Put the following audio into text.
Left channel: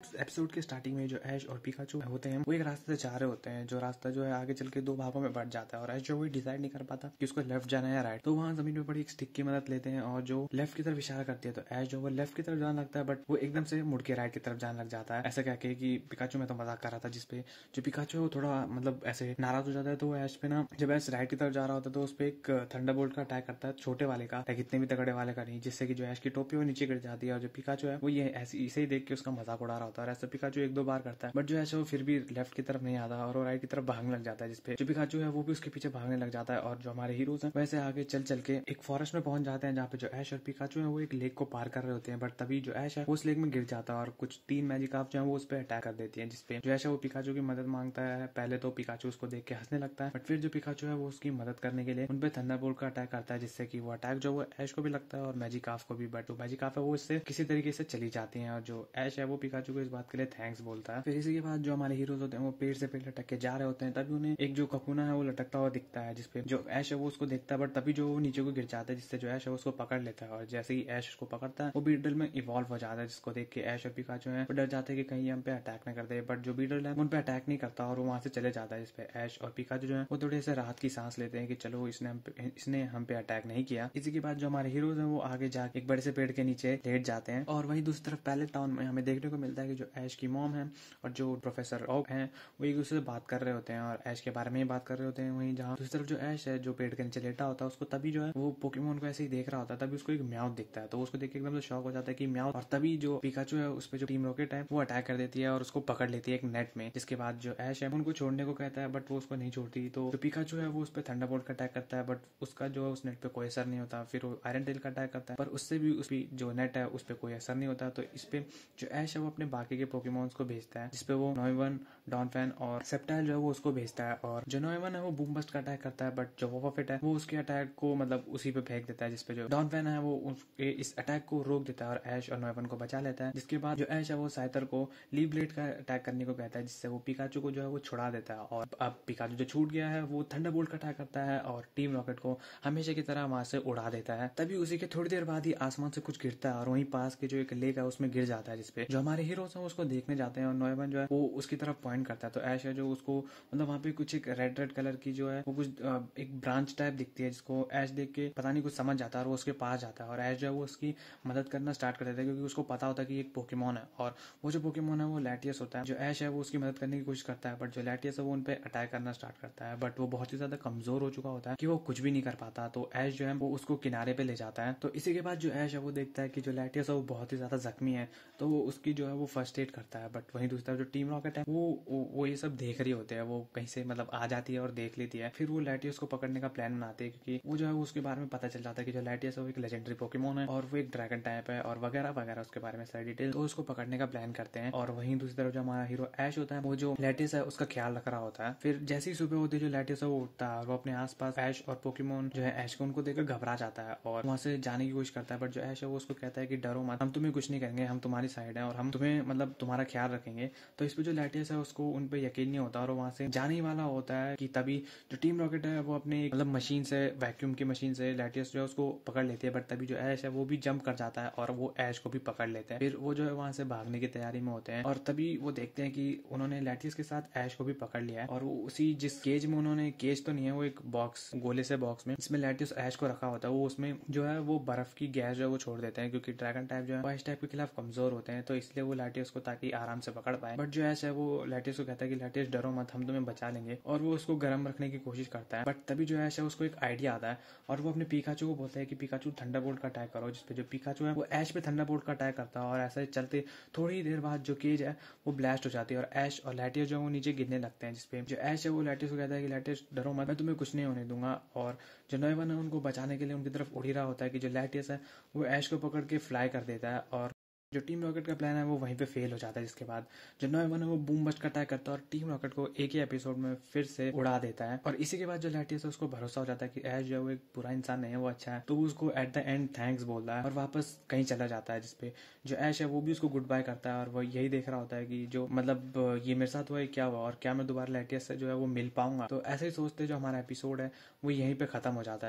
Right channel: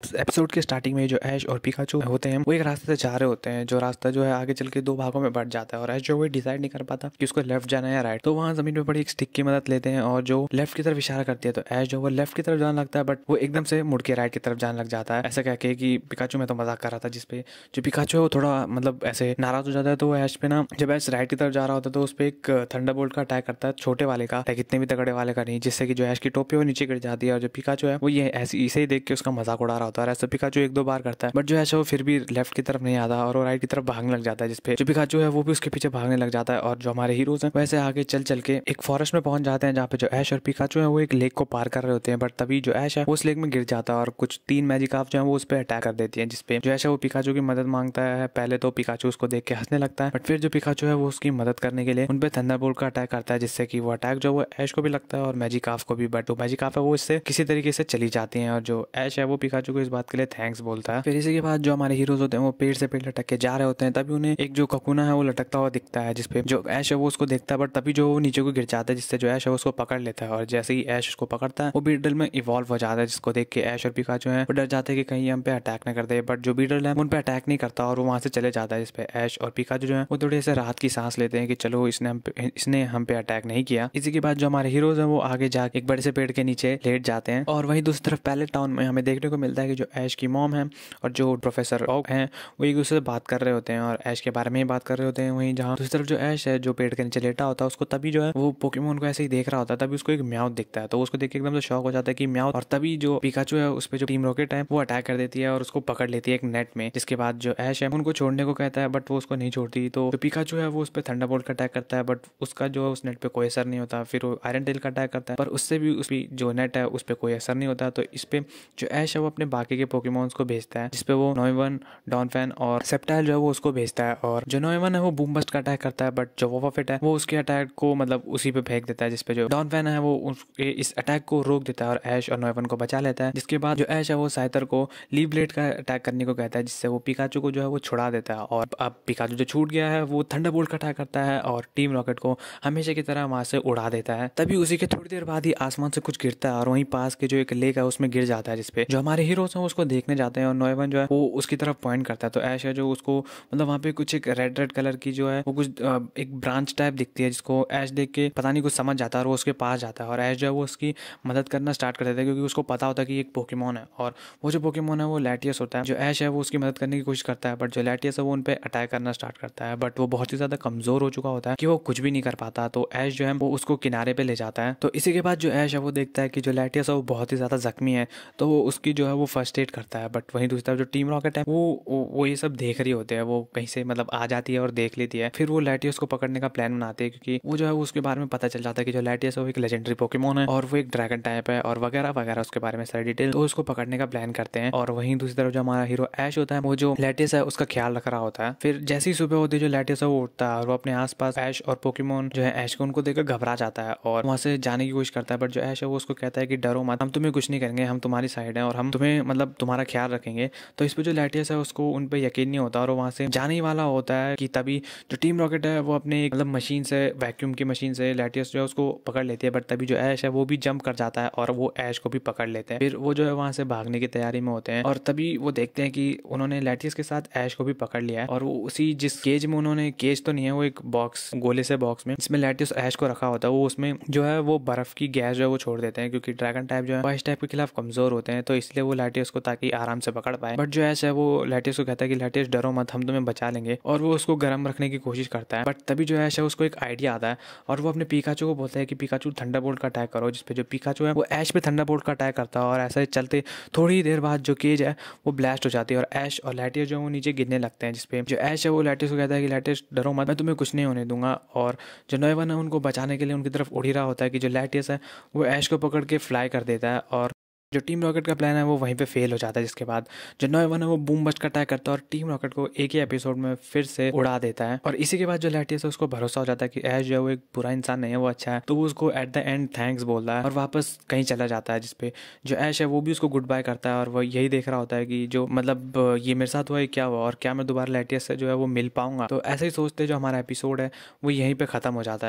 Episode के starting में जो ऐश और पिकाचू होते हैं वो एक रास्ते से जा रहे होते हैं, जो रास्ता जो है आगे चल के दो भागों में बढ़ जाता है और ऐश जो वो डिसाइड नहीं कर पाता कि उसको लेफ्ट जाना है या राइट। तो वहाँ जमीन पे पड़ी एक स्टिक की मदद लेते हैं और जो लेफ्ट की तरफ इशारा करती है तो ऐश जो वो लेफ्ट की तरफ जाने लगता है, बट वो एकदम से मुड़ के राइट की तरफ जाने लग जाता है, ऐसा कह के कि पिकाचू मैं तो मजाक कर रहा था। जिसपे जो पिकाचू है वो थोड़ा मतलब ऐसे नाराज हो जाता है। तो ऐश पे ना जब ऐश राइट की तरफ जा रहा होता है तो उस पर एक थंडरबोल्ट का अटैक करता है, छोटे वाले का, इतने भी तगड़े वाले का नहीं, जिससे कि जो ऐश की टोपी वो नीचे गिर जाती है और जो पिकाचू है वो ये ऐसे इसे ही देख के उसका मजाक उड़ा रहा होता है। ऐसा पिकाचू एक दो बार करता है, बट जो ऐसा वो फिर भी लेफ्ट की तरफ नहीं आता और वो राइट की तरफ भागने लग जाता है, जिसपे जो पिकाचू है वो भी उसके पीछे भागने लग जाता है। और जो हमारे हीरोज हैं वैसे आगे चल चल के एक फॉरेस्ट में पहुंच जाते हैं, जहाँ पे जो ऐश और पिकाचू है वो एक लेक को पार कर रहे होते हैं। बट तभी जो ऐश है वो उस लेक में गिर जाता है और कुछ 3 मैजिकार्प जो है वो उस पर अटैक कर देती है, जिसपे जो ऐश है वो पिकाचू की मदद मांगता है। पहले तो पिकाचू उसको देख के हंसने लगता है, बट फिर जो पिकाचू है वो उसकी मदद करने के लिए उन पे थंडरबोल्ट का अटैक करता है, जिससे कि वो अटैक जो वो ऐश को भी लगता है और मैजिकार्प को भी। बट जो मैजिकार्प है वो इससे किसी तरीके से चली जाती है और जो ऐश है वो पिकाचू को इस बात के लिए थैंक्स बोलता है। फिर इसी के बाद जो हमारे हीरोज होते हैं वो पेड़ से पेड़ लटक के जा रहे होते हैं, तभी उन्हें एक जो ककुना है वो लटकता हुआ दिखता है, जिसपे जो ऐश है वो उसको देखता है, बट तभी जो वो नीचे को गिर जाता है, जिससे जो ऐश है उसको पकड़ लेता है। और जैसे ही ऐश उसको पकड़ता है वो बीटल में इवॉल्व हो जाता है, जिसको देख के ऐश और पिकाचू है वो डर जाते हैं कि कहीं हम पे अटैक न कर दे। बट जो बीटल है उन पे अटैक नहीं करता और वो वहां से चले जाता है, जिसपे ऐश और पिकाचू जो है वो थोड़े से राहत की सांस लेते हैं कि चलो इसने हम पे अटैक नहीं किया। इसी के बाद जो हमारे हीरोज हैं वो आगे जाके एक बड़े से पेड़ के नीचे लेट जाते हैं। और वहीं दूसरी तरफ पैलेट टाउन में हमें देखने को मिलता है कि जो ऐश की मॉम है और जो प्रोफेसर ओक हैं वो एक दूसरे से बात कर रहे होते हैं और ऐश के बारे में ही बात कर रहे होते हैं। वहीं जहाँ दूसरी तरफ जो ऐश है जो पेड़ के नीचे लेटा होता है उसको तभी जो है वो पोकेमोन को ऐसे ही देख रहा होता है, तभी उसको एक म्याऊ दिखता है। तो उसको देख के एकदम से शॉक हो जाता है कि म्याऊ, और तभी जो पिकाचू है उस पर जो टीम रॉकेट है वो अटैक कर देती है और उसको पकड़ लेती है एक नेट में। जिसके बाद जो ऐश है उनको छोड़ने को कहता है, बट वो उसको नहीं छोड़ती। तो जो पिकाचू है वो उस पर थंडरबोल्ट का अटैक करता है, बट उसका जो उस नेट पे कोई असर नहीं होता। फिर वो आयरन टेल का अटैक करता है, पर उससे भी उसकी जो नेट है उस पर कोई असर नहीं होता। तो इस पे जो ऐश है वो अपने बाकी के पोकेमोन्स को भेजता है, जिसपे वो नॉयवन, डॉनफैन और सेप्टाइल जो है वो उसको भेजता है। और जो नॉयवन है वो बूम बस्ट का अटैक करता है, बट जो वोवाफिट है वो उसके अटैक को मतलब उसी पे फेंक देता है, जिसपे जो डॉनफैन है वो उसके इस अटैक को रोक देता है और ऐश और नॉयवन को बचा लेता है। जिसके बाद जो ऐश है वो साइतर को लीव ब्लेड का अटैक करने को कहता है, जिससे वो पिकाचू को जो है वो छुड़ा देता है। और अब पिकाचू जो छूट गया है वो थंडरबोल्ट का अटैक करता है और टीम रॉकेट को हमेशा की तरह वहां से उड़ा देता है। तभी उसी के थोड़ी देर बाद ही आसमान से कुछ गिरता है और वहीं पास के जो एक लेक है उसमें गिर जाता है, जिसपे जो हमारे हीरोज हैं उसको देखने जाते हैं और नॉयवन जो है वो उसकी तरफ पॉइंट करता है। तो ऐश है जो उसको मतलब वहाँ पे कुछ एक रेड रेड कलर की जो है वो कुछ एक ब्रांच टाइप दिखती है, जिसको ऐश देख के पता नहीं कुछ समझ जाता है और वो उसके पास जाता है और ऐश जो है वो उसकी मदद करना स्टार्ट कर देता है, क्योंकि उसको पता होता है कि एक पोकेमोन है और वो जो पोकेमोन है वो लैटियस होता है। जो ऐश है वो उसकी मदद करने की कोशिश करता है, बट जो लैटियस है वो उन पे अटैक करना स्टार्ट करता है, बट वो बहुत ही ज्यादा कमजोर हो चुका होता है कि वो कुछ भी नहीं कर पाता। तो ऐश जो है वो उसको किनारे पे ले जाता है। तो इसी के बाद जो ऐश है वो देखता है कि जो लैटियस है वो बहुत ही ज्यादा जख्मी है, तो वो उसकी जो है वो फर्स्ट एड करता है। बट वहीं दूसरी तरफ जो टीम रॉकेट है वो ये सब देख रही होते हैं, वो कहीं से मतलब आ जाती है और देख लेती है। फिर वो लैटियस को पकड़ने का प्लान बनाते हैं, क्योंकि वो जो है उसके बारे में पता चल जाता है कि जो लैटियस है वो एक लेजेंडरी पोकेमोन है और वो एक ड्रैगन टाइप है और वगैरह वगैरह उसके बारे में सारी डिटेल। तो उसको पकड़ने का प्लान करते हैं और वहीं दूसरी तरफ जो हमारा हीरो ऐश होता है वो जो लैटियस है उसका ख्याल रख रहा होता है। फिर जैसी सुबह होती है जो लैटियस है वो उठता है और वो अपने आसपास ऐश और पोकेमोन जो है ऐश को उनको देखकर घबरा जाता है और वहां से जाने की कोशिश करता है। बट जो ऐश है वो उसको कहता है कि डरो मत, हम तुम्हें कुछ नहीं करेंगे, हम तुम्हारी साइड हैं और हम तुम्हें मतलब तुम्हारा ख्याल रखेंगे। तो इस पे जो लैटियस है उसको उन पे यकीन नहीं होता और वो वहां से जाने ही वाला होता है कि तभी जो टीम रॉकेट है वो अपने मतलब मशीन से, वैक्यूम की मशीन से लैटियस जो है उसको पकड़ लेती है। बट तभी जो ऐश है वो भी जंप कर जाता है और वो ऐश को भी पकड़ लेते हैं। फिर वो जो है वहां से भागने की तैयारी में होते हैं और तभी वो देखते हैं कि उन्होंने लैटियस के साथ ऐश को भी पकड़ लिया है और वो उसी जिस केज में उन्होंने, केज तो नहीं है वो एक बॉक्स, गोले से बॉक्स में जिसमें लैटियस ऐश को रखा होता है, वो उसमें जो है वो बर्फ की गैस जो है वो छोड़ देते हैं, क्योंकि ड्रैगन टाइप जो है इस टाइप के खिलाफ कमजोर होते हैं, तो इसलिए वो लैटियस को ताकि आराम से पकड़ पाए। बट जो ऐश है वो लैटियस को कहता है कि लैटियस डरो मत, हम तुम्हें बचा लेंगे, और वो उसको गर्म रखने की कोशिश करता है। बट तभी जो ऐश है उसको एक आइडिया आता है और वो अपने पिकाचू को बोलता है कि पिकाचू थंडरबोल्ट का अटैक करो, जिसपे जो पिकाचू है वो ऐश पे थंडरबोल्ट का अटैक करता है और ऐसा ही चलते थोड़ी देर बाद जो केज है वो ब्लास्ट हो जाती है और ऐश और लैटियस जो है वो नीचे गिरने लगते हैं। जिसपे जो ऐश है वो लैटियस को कहता है कि लैटियस डरो मत, मैं तुम्हें कुछ नहीं होने दूंगा। और जो नॉयवन है उनको बचाने के लिए उनकी तरफ उड़ ही रहा होता है कि जो लैटियस है वो ऐश को पकड़ के फ्लाई कर देता है और जो टीम रॉकेट का प्लान है वो वहीं पे फेल हो जाता है। जिसके बाद जो नॉयवन है वो बूम बस्ट का अटैक करता है और टीम रॉकेट को एक ही एपिसोड में फिर से उड़ा देता है। और इसी के बाद जो लैटियस है उसको भरोसा हो जाता है कि ऐश जो है वो एक बुरा इंसान नहीं है, वो अच्छा है, तो वो उसको एट द एंड थैंक्स बोलता है और वापस कहीं चला जाता है। जिसपे जो ऐश है वो भी उसको गुड बाय करता है और वो यही देख रहा होता है कि जो मतलब ये मेरे साथ हुआ है क्या हुआ और क्या मैं दोबारा लैटियस से जो है वो मिल पाऊंगा। तो ऐसे ही सोचते जो हमारा एपिसोड है वो यहीं पे खत्म हो जाता है।